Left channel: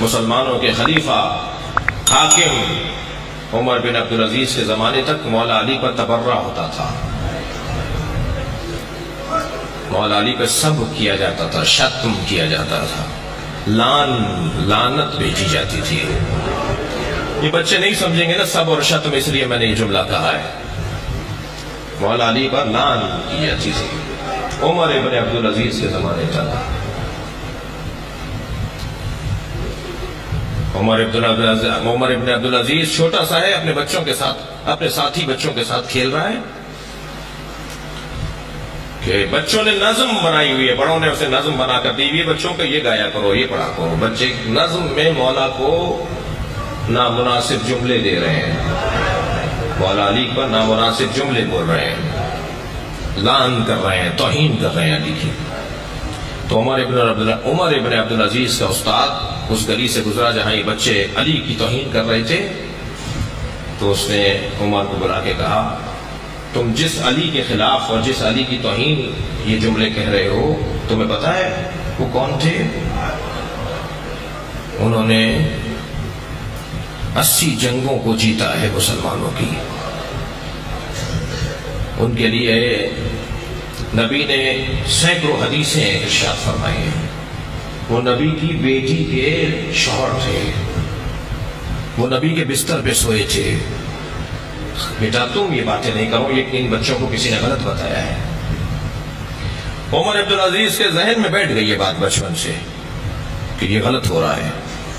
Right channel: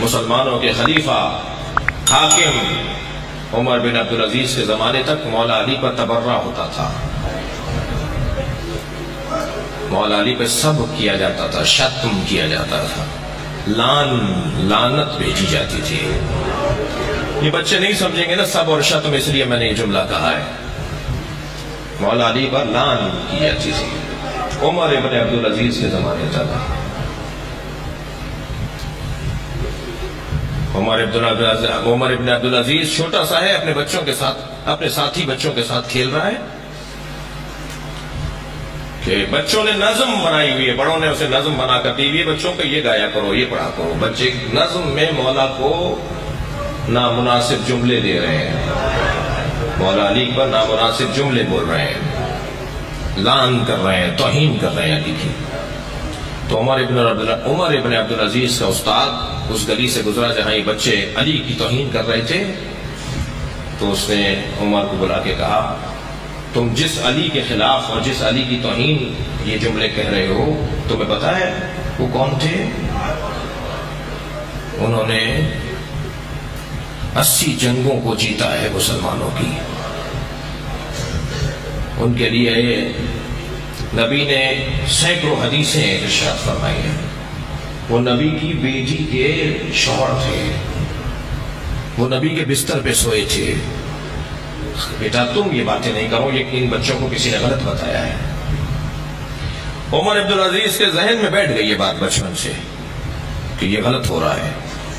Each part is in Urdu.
مسلمانوں کے خلیفہ حاکم عمر بن عبدالعزیز کے زمانے تک مولا علی پر تبرہ ہوتا تھا. مولا علی پہ سب کیا جاتا تھا، شتم کیا جاتا تھا، لعنت بھیجی جاتی تھی. یہ بچے نہیں سمجھیں گے نا سب اور شتم، اس لیے میں نے یہ جملہ کہا ہے. مولا علی پر لعن کی جاتی تھی عمر ابن عبدالعزیز کے زمانے تک. عمر ابن عبدالعزیز چھوٹا سا ہے، اپنے بچوں کے ساتھ، اپنے ساتھی بچوں کے ساتھ کھیل رہا ہے کہ بچوں نے نظم بنائی ہوئی ہے، بڑوں نے اسے نظم بنا کر دی ہوئی ہے بچوں کو، یہ گایا کرو، یہ پڑھا کرو. بچے نظم میں مولا کو نامناسب جملے دے رہے ہیں، مولا علی پر نامناسب جملے بول رہے ہیں، لعن کر رہے ہیں، توہین کر رہے ہیں علی کی. تو عمر ابن عبدالعزیز کا استاد اس گلی سے گزرا جہاں یہ بچے علی کی توہین کر رہے تھے، تو اس نے عمر کو بلا کے کہا تم جس علی کے خلاف اور جس علی کی توہین یہ جملے کہہ رہے ہو، تمہیں پتا ہے وہ کون تھے؟ انہوں نے 80 جنگوں کو جیتا ہے مسلمانوں کی. ان کے لیے نبی نے سینکڑوں حدیثیں ارشاد فرمائی ہیں. وہ نبی کی بیٹی کے شوہر تھے، وہ نبی کے بستر پہ سوئے تھے. بیٹا تم یہ باتیں نہیں کرو، یہ ان بچوں کو کسی نے غلط بتایا ہے. عمر عبدالعزیز کے ذہن میں بیٹھ گئی یہ بات بچپن سے کہ یہ غلط ہو رہا ہے،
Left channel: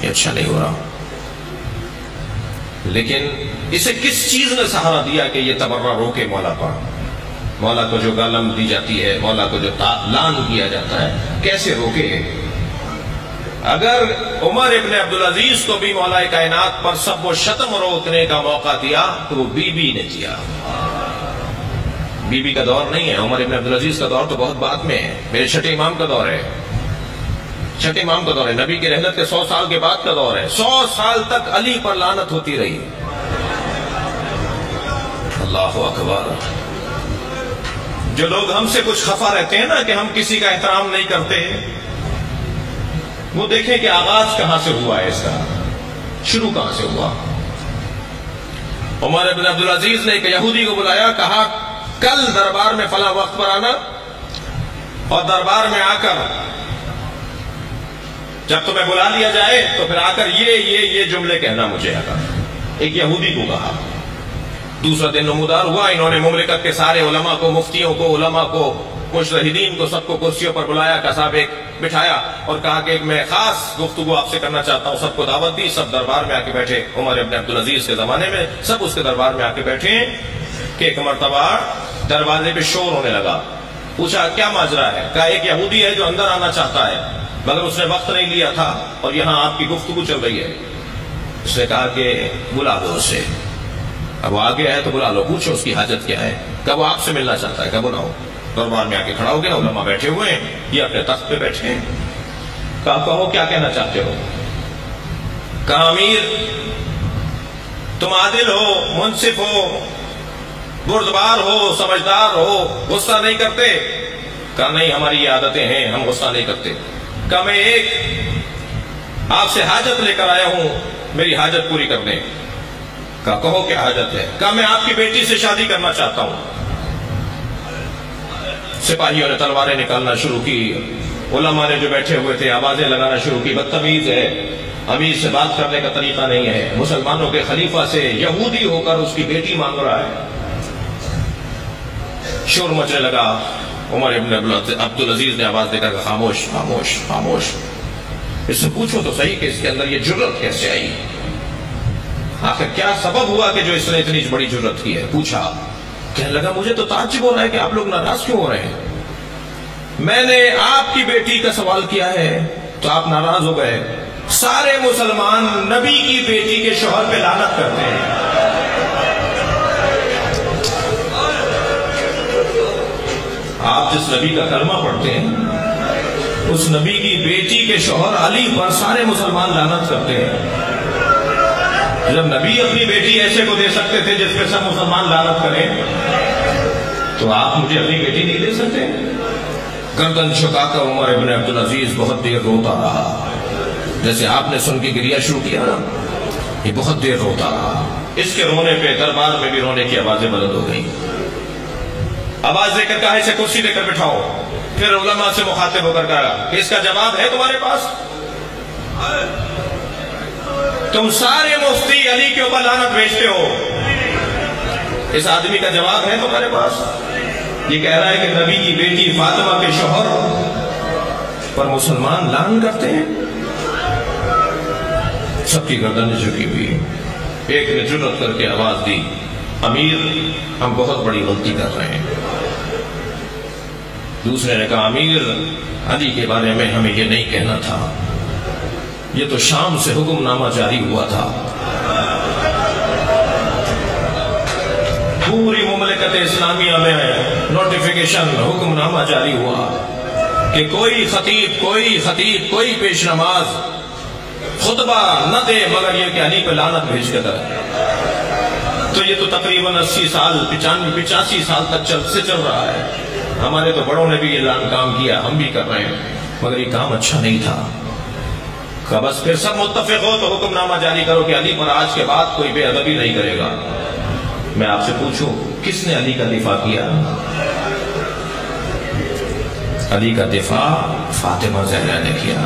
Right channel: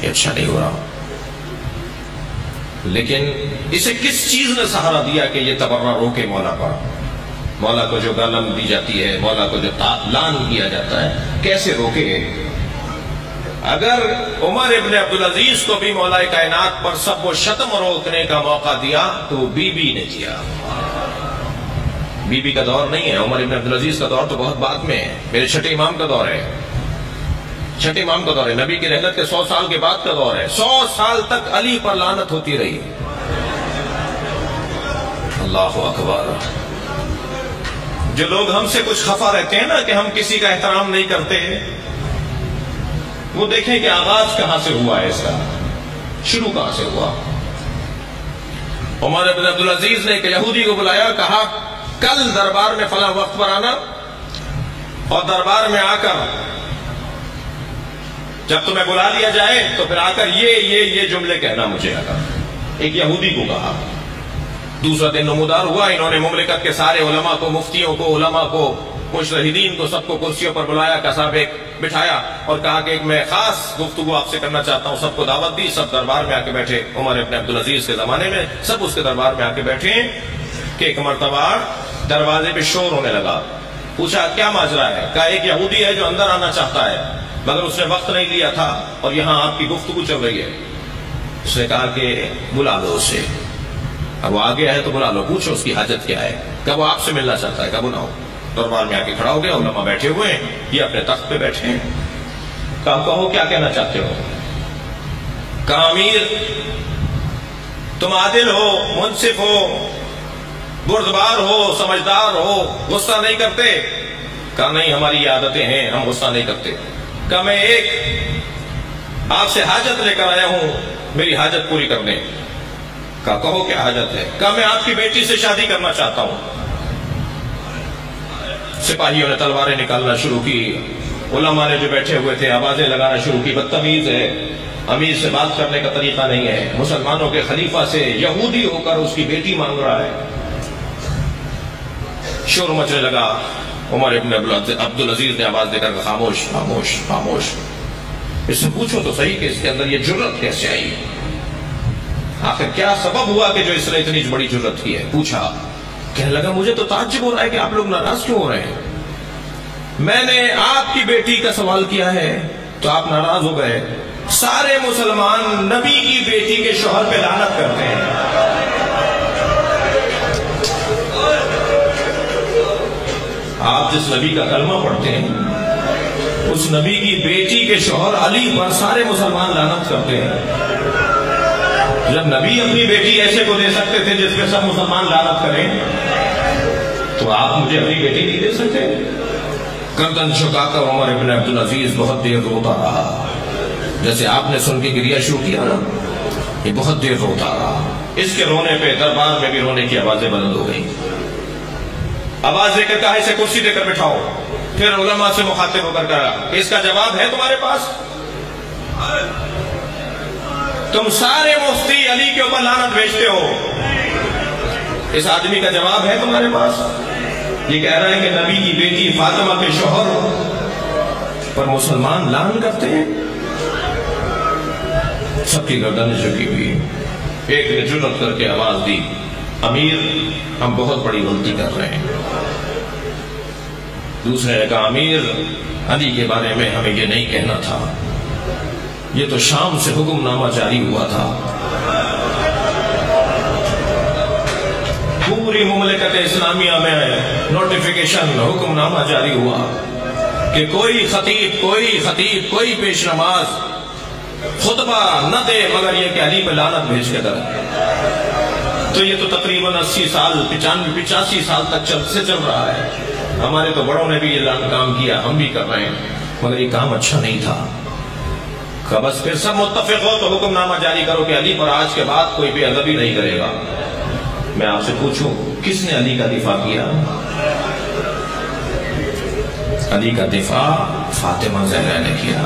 یہ اچھا نہیں ہو رہا. لیکن اسے کس چیز نے سہارا دیا کہ یہ تبرہ روکے مولا پر؟ مولا کو جو گالم دی جاتی ہے، مولا کو جو لعن کیا جاتا ہے، کیسے روکے؟ اگر عمر ابن عبدالعزیز کو بھی مولا کائنات پر سب و شتم روکنے کا موقع دیا تو وہ بی بی نے دیا. بی بی کا دور نہیں ہے، عمر ابن عبدالعزیز کا دور تو بہت بعد میں ہے، میرے چھٹے امام کا دور ہے، چھٹے امام کا دور ہے، نبی کی رحلت کے 100 سال کے بعد کا دور ہے. 100 سال تک علی پر لعنت ہوتی رہی. اللہ اکبر. جو لوگ ہم سے کچھ خفا رہتے ہیں نا کہ ہم کسی کا احترام نہیں کرتے، وہ دیکھیں کہ آغاز کہاں سے ہوا ہے، اس کا شروع کہاں سے ہوا. عمر ابن عبدالعزیز نے ایک یہودی کو بلایا، کہا کل دربار میں فلاں وقت پر آنا، اور دربار میں آ کر جب تمہیں بلا لیا جائے تو پھر آ کر یہ جملے کہنا مجھے. آ کر ایک یہودی کو کہا. دوسرا دن نمودار ہوا، انہوں نے مملکت کے سارے علماء کو، مفتیوں کو، علماء کو، مجتہدین کو، سب کو کرسیوں پر بلایا، کساب ایک بٹھایا اور کہا کہ میں خاص گفتگو آپ سے کرنا چاہتا ہوں. سب کو دعوت دی، سب دربار میں آ کے بیٹھے. عمر ابن عبدالعزیز کے زمانے میں سب اس کے دربار میں آ کے بیٹھے کہ ایک مرتبہ دروازے پہ شور ہونے لگا. پوچھا کیا ماجرا ہے؟ کہا ایک یہودی ہے جو اندر آنا چاہتا ہے مگر اس نے وقت نہیں لیا تھا اور یہاں آپ کی گفتگو چل رہی ہے. اس نے کہا کہ بلا لو اسے. اب وہ آ گیا ہے تو بلا لو، پوچھو اس کی حاجت کیا ہے. کب وہ آپ سے ملنا چاہتا ہے؟ کب بلاؤ. دربار میں آ کے کھڑا ہو گیا، علماء بیٹھے ہوئے ہیں، یہ اپنے تخت پہ بیٹھے ہیں. کہا کہو کیا کہنا چاہتے ہو؟ کہا امیر تم عادل ہو، منصف ہو، بردبار ہو، سمجھدار ہو، غصہ نہیں کرتے؟ کہا نہیں ہماری یہ عادتیں ہیں، ہم غصہ نہیں کرتے. کہا میں ایک آپ سے حاجت لے کر آیا ہوں، میری حاجت پوری کر دیں. کہا کہو کیا حاجت ہے؟ کہا میں آپ کی بیٹی سے شادی کرنا چاہتا ہوں. سپاہیوں نے تلواریں نکالنا شروع کی، علماء نے جو بیٹھے ہوئے تھے آوازیں لگانا شروع کی. بدتمیز ہے، امیر سے بات کرنے کا طریقہ نہیں ہے، مسلمانوں کے خلیفہ سے یہودی ہو کر اس کی بیٹی مانگ رہا ہے. شور مچنے لگا. عمر ابن عبدالعزیز نے آواز دے کر کہا خاموش خاموش خاموش. اس سے پوچھو تو صحیح کہ اس کے اندر یہ جرت کیسے آئی، آخر کیا سبب ہوا کہ جو اس نے اتنی بڑی جرت کی ہے. پوچھا، کہنے لگا مجھے تو تعجب ہو رہا ہے کہ آپ لوگ ناراض کیوں ہو رہے ہیں. میں نے آپ کی بیٹی کا سوال کیا ہے تو آپ ناراض ہو گئے. سارے مسلمان نبی کی بیٹی کے شوہر پہ لعنت کرتے ہیں. آپ جس نبی کا کلمہ پڑھتے ہیں اس نبی کی بیٹی کے شوہر علی پر سارے مسلمان لعنت کرتے ہیں. جب نبی اپنی بیٹی ایسے کو دے سکتے تھے جس پہ سب مسلمان لعنت کریں تو آپ مجھے اپنی بیٹی نہیں دے سکتے. گردن جھکا کر عمر ابن عبدالعزیز بہت دیر روتا رہا. جیسے آپ نے سن کے گریہ شروع کیا نا، یہ بہت دیر روتا رہا. اس کے رونے پہ دربار میں بھی رونے کی آوازیں بلند ہو گئی. آواز دے کر کہا اسے کرسی دے کر بٹھاؤ. پھر علماء سے مخاطب ہو کر کہا کہ اس کا جواب ہے تمہارے پاس؟ تم سارے مفتی علی کے اوپر لعنت بھیجتے ہو، اس آدمی کا جواب ہے تمہارے پاس؟ یہ کہہ رہا ہے کہ نبی کی بیٹی فاطمہ کے شوہر پر مسلمان لعن کرتے ہیں. سب کی گردنیں جھکی ہوئی. ایک نے جرأت کر کے آواز دی، امیر ہم بہت بڑی غلطی کر رہے ہیں. دوسرے نے کہا امیر علی کے بارے میں ہمیں یہ نہیں کہنا تھا، یہ تو شام سے حکم نامہ جاری ہوا تھا. پوری مملکت اسلامیہ میں نوٹیفیکیشن حکم نامہ جاری ہوا کہ کوئی خطیب کوئی پیش نماز خطبہ نہ دے مگر یہ کہ علی پہ لعنت بھیج کے دے. تو یہ تو تقریباً 80 سال 85 سال تک چل رہا ہے. ہمارے تو بڑوں نے بھی یہ کام کیا، ہم بھی کر رہے ہیں، مگر یہ کام اچھا نہیں تھا. کہ بس پھر سب متفق ہو تو حکم نامہ جاری کرو کہ علی پر آج کے بعد کوئی بے ادبی نہیں کرے گا. میں آپ سے پوچھوں کس نے علی کا دفاع کیا؟ علی کا دفاع فاطمہ زہرا نے کیا.